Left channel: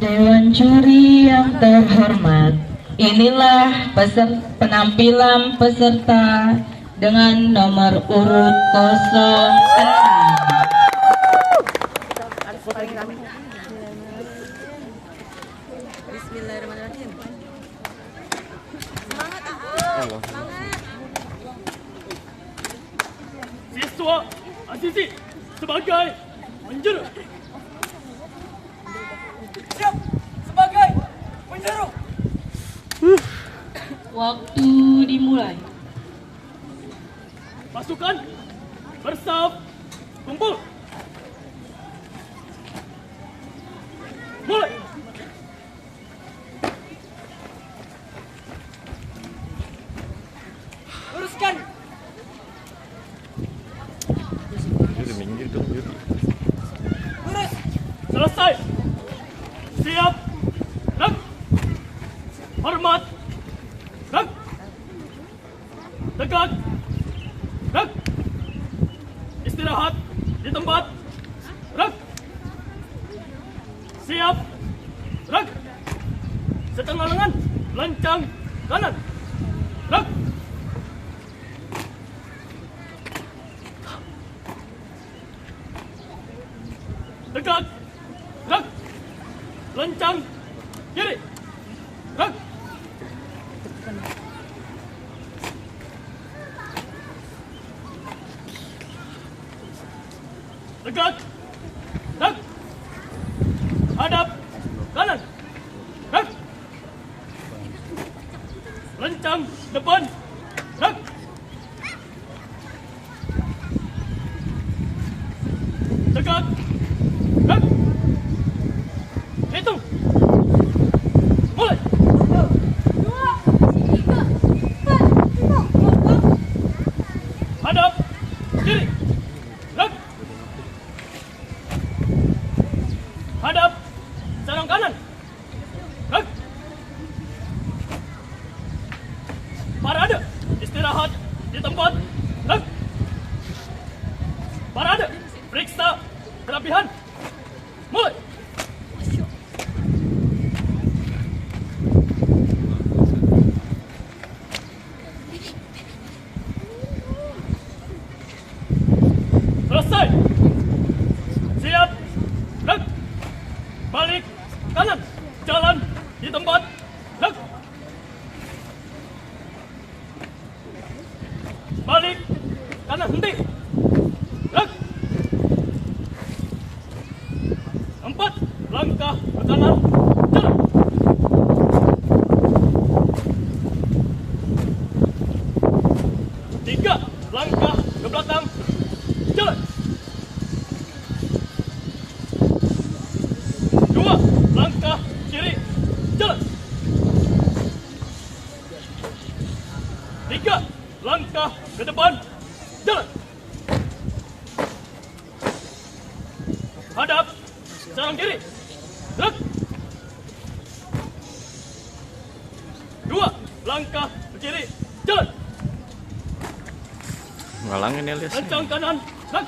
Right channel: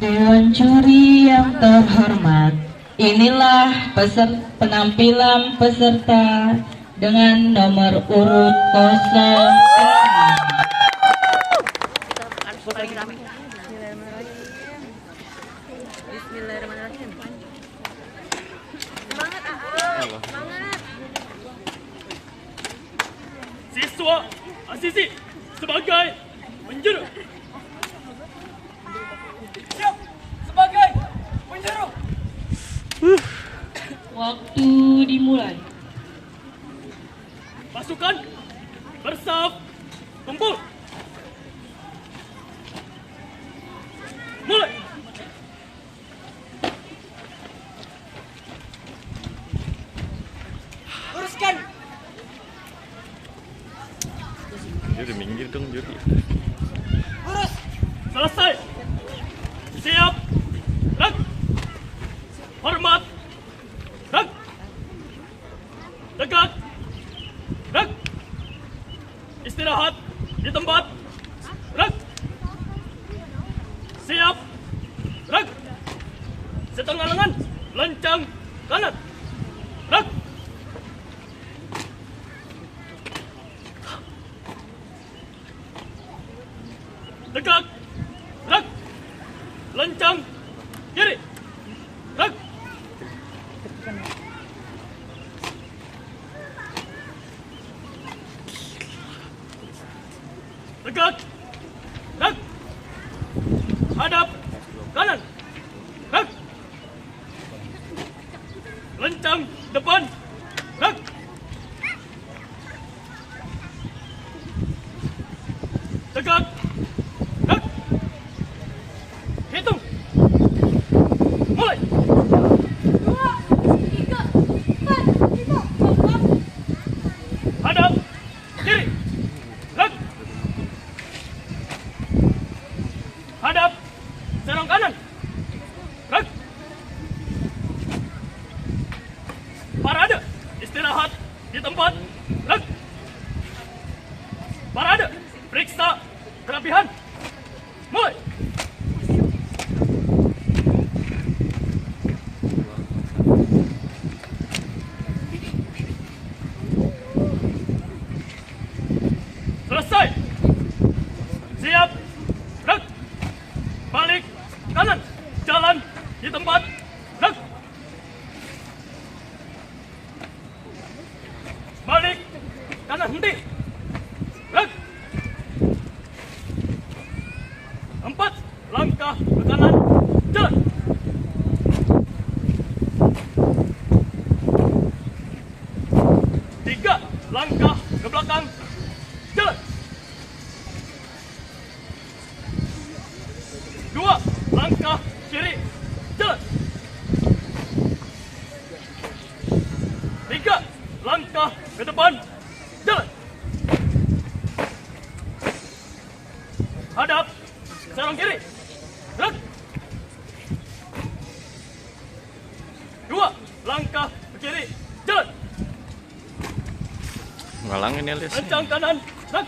Dewan juri yang terhormat, inilah penampilan peserta dengan nomor urut 06. Siswa Asisi sebagai penjuru. Siap sebagai penjuru. Waktu dimulai. Pasukan bersaf kumpul. Mulai. Luruskan. Juri minggir dong juri. Lurus. Selesai. Siap. Dan hormat. Dan tegak. Dan istirahat di tempat. Dan siap. Dan setengah lengan lancang kanan. Dan tegak. Dan lancang kiri. Dan tegak. Dan hadap kanan. Dan lancang depan. Dan tegak. Dan hitung. Mulai. 2, 3, 4, 5, 6. Hadap kiri. Dan hadap serang kanan. Dan parade istirahat di tempat. Dan parade periksa kelebihan. Mulai. Selesai. Siap. Dan balik kanan. Jalan di tempat. Dan balik kanan henti. Dan 4 langkah ke kanan. Jalan. 3 langkah ke belakang. Jalan. 2 langkah kiri. Jalan. 3 langkah ke depan. Jalan. Hadap serang kiri. Gerak. 2 langkah ke kiri. Jalan. Ngalangin Elias. Lancang kanan. Gerak.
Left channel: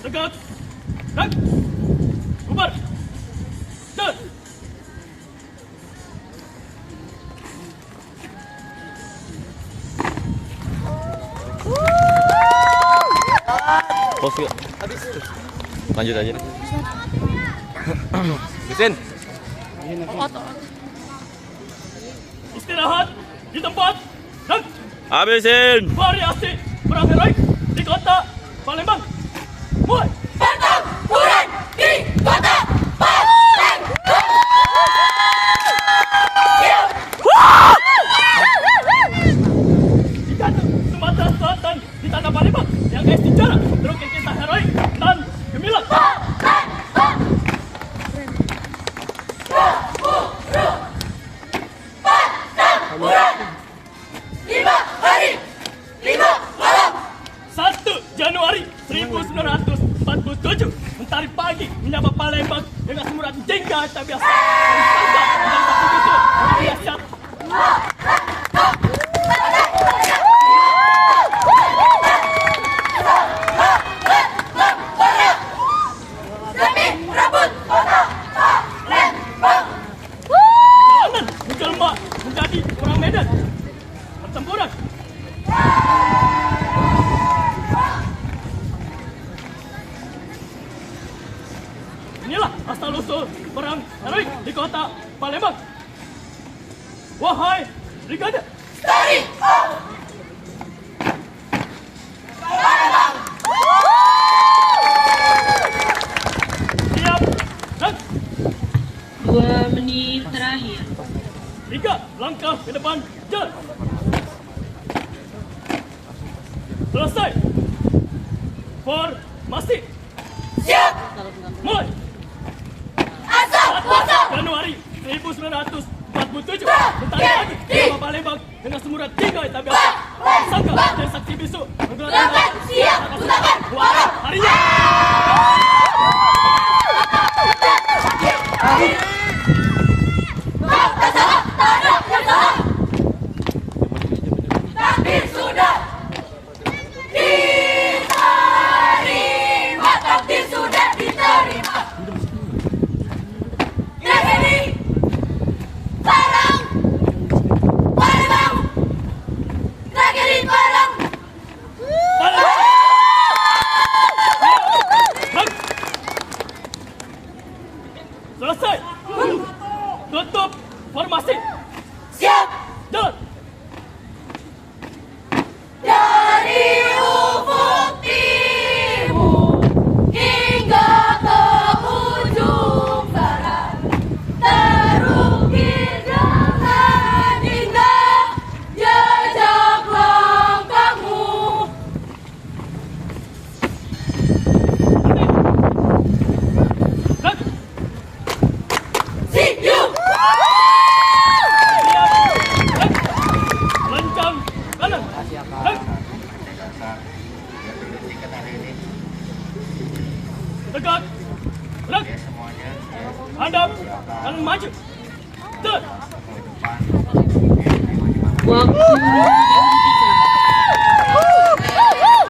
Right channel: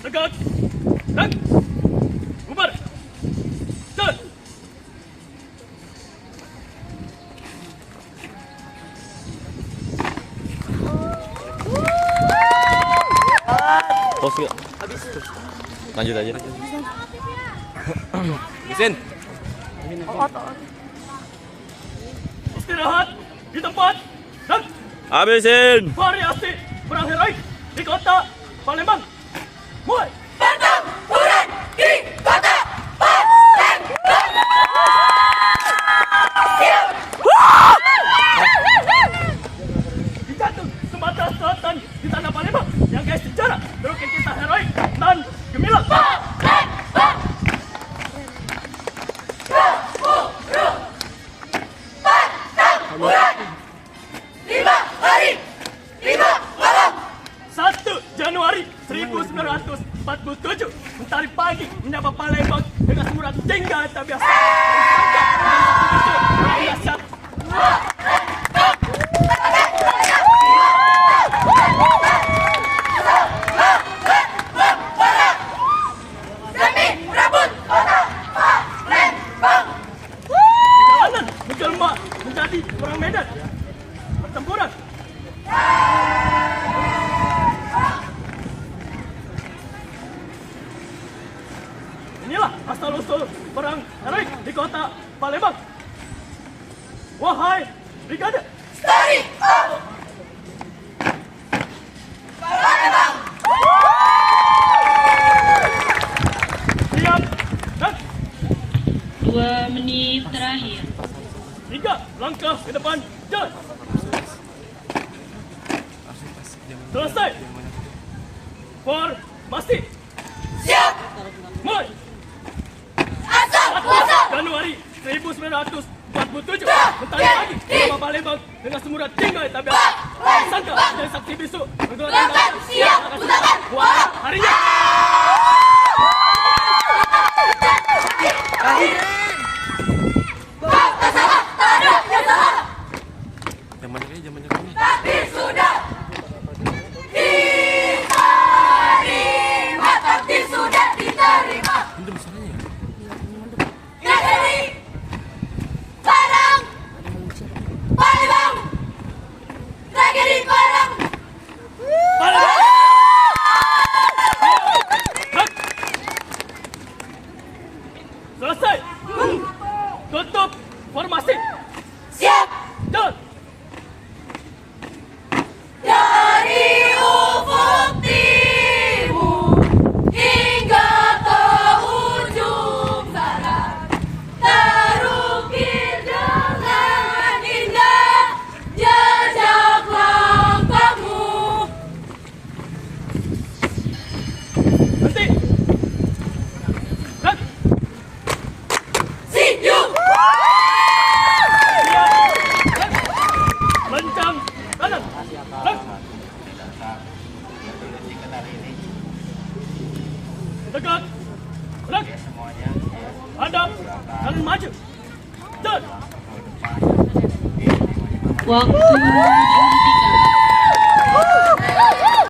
Tegak. Dan bubar. Jalan. Pos yuk. Lanjut aja. Mesin. Istirahat di tempat. Dan Habisin. variasi berakhir di kota Palembang. Mulai. Pertempuran di kota Palembang. Di kantor Sumatera Selatan di tanah Palembang yang guys sejarah terukir kisah heroik dan gemilang. Pertempuran 5 hari 5 malam. 1 Januari 1947 mentari pagi menyapa Palembang dengan semburan jengga tak biasa. Biasa. Selesai. Formasi. Siap. Mulai. Asal muasal. Januari 1947. Tentara pagi Lima Palembang dengan semua tinggal di tabiat. Sangka menjadi saksi bisu. Lakukan siap. Utakan malam. Harinya. Tak salah. Tak ada yang salah. Takdir sudah diterima. Takdir sudah diterima. Negeri Parang Palembang. Negeri Parang Palembang. Selesai. Tutup formasi. siap. Jalan. Dari ufuk timur hingga ke ujung barat, terukir dengan indah jejak langkahmu. Berhenti. Gerak. See you. Gerak. Lencang kanan. Gerak. Tegak. Gerak. Hadap. Kanan maju. Jalan. Waktu